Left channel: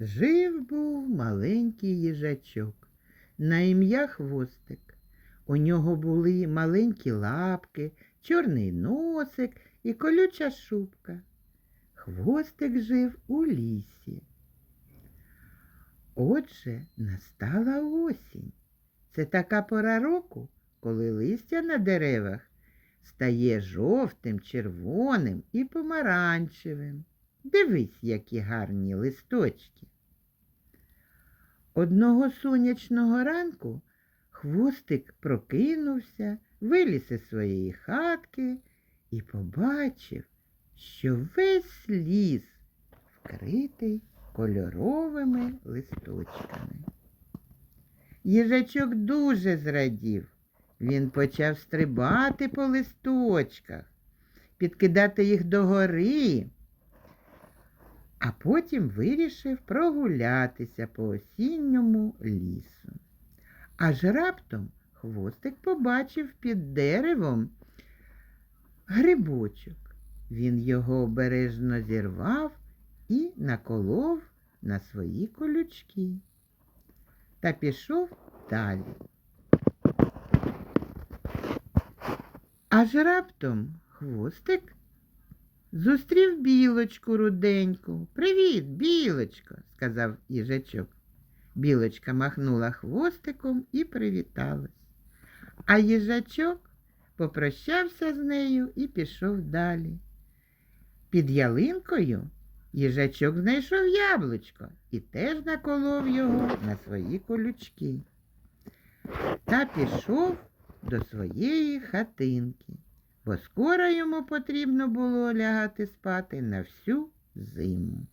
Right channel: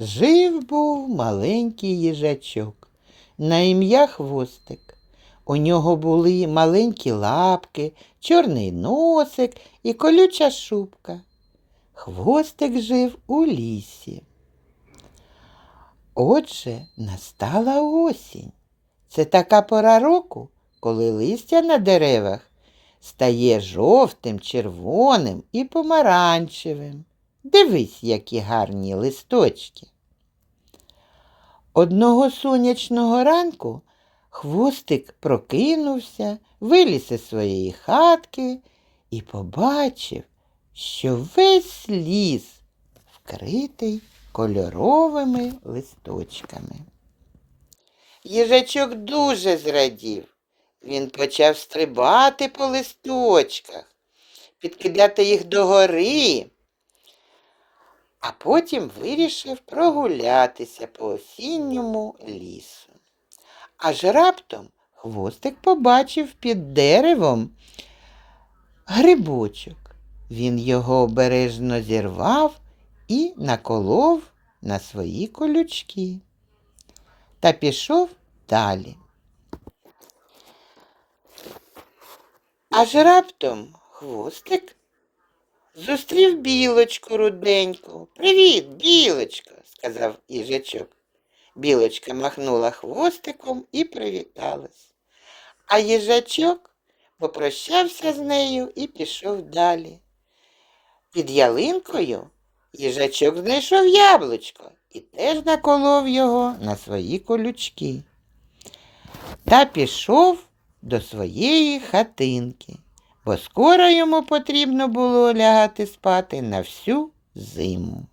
Жив був маленький їжачок на ім'я Хвостик. У нього були маленькі лапки, чорний носик і колюча шубка. Хвостик жив у лісі. Отже, настала осінь. Це така пора року, коли листя на деревах стає жовтим, червоним і помаранчевим. Дивись, які гарні листочки. Одного сонячного ранку хвостик прокинувся, виліз із своєї хатки і побачив, що весь ліс вкритий кольоровими листочками. Їжачок дуже зрадів. Він почав стрибати по листочках, підкидати їх догори, а потім вирішив прогулятися по осінньому лісу. Аж раптом хвостик побачив під деревом грибочок. Він його обережно зірвав і наколов на свої колючки та пішов далі. Аж раптом хвостик зустрів білочку руденьку. Привіт, білочко, сказав їжачок. Білочка махнула хвостиком і привіталась. А їжачок попрощався з нею і пішов далі. Під ялинкою їжачок знайшов яблучко і теж наколов його на свої колючки. Та пішов до своєї хатинки, бо скоро йому потрібно було лягати спати на всю зиму.